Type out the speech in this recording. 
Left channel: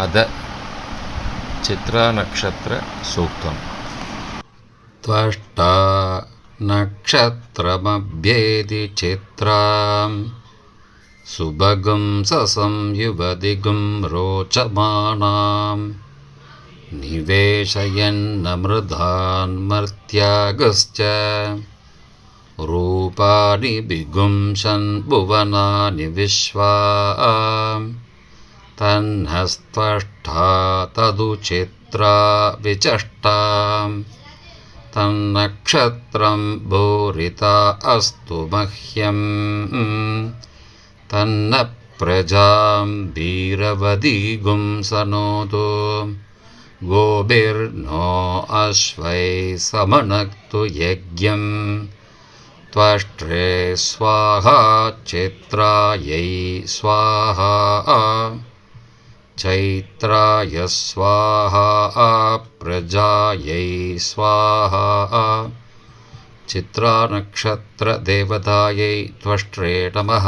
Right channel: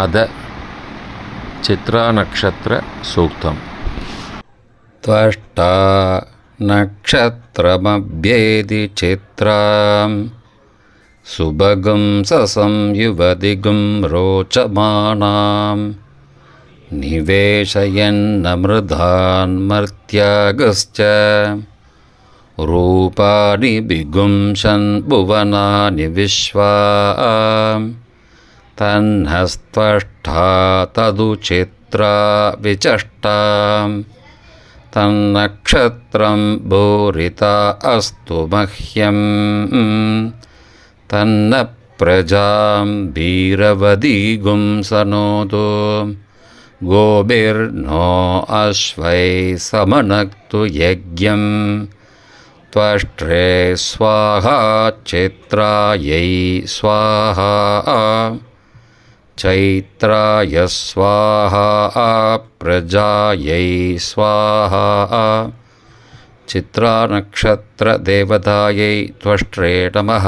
अद चित्रानक्षत्रसूक्तम्। त्वष्टा नक्षत्रमभ्येति चित्रां सुभगं ससंयुवदिगं रोचमानां निवेशयन्नमृधान्मर्त्यागश्च रूपाणि विगुंशन् भुवनानि विश्वा तन्नस्त्वष्टा तदुचित्रा विचष्टां तन्नक्षत्रं भूरिता अस्तु मह्यं तन्न प्रजां भीरवदीगुं सनोतु गोभिर्नो अश्वैः समनक्तु यज्ञं त्वष्ट्रे स्वाहा चित्रायै स्वाहा चैत्राय स्वाहा प्रजायै स्वाहा चित्रानक्षत्रदेवतायै त्वष्ट्रे नमः।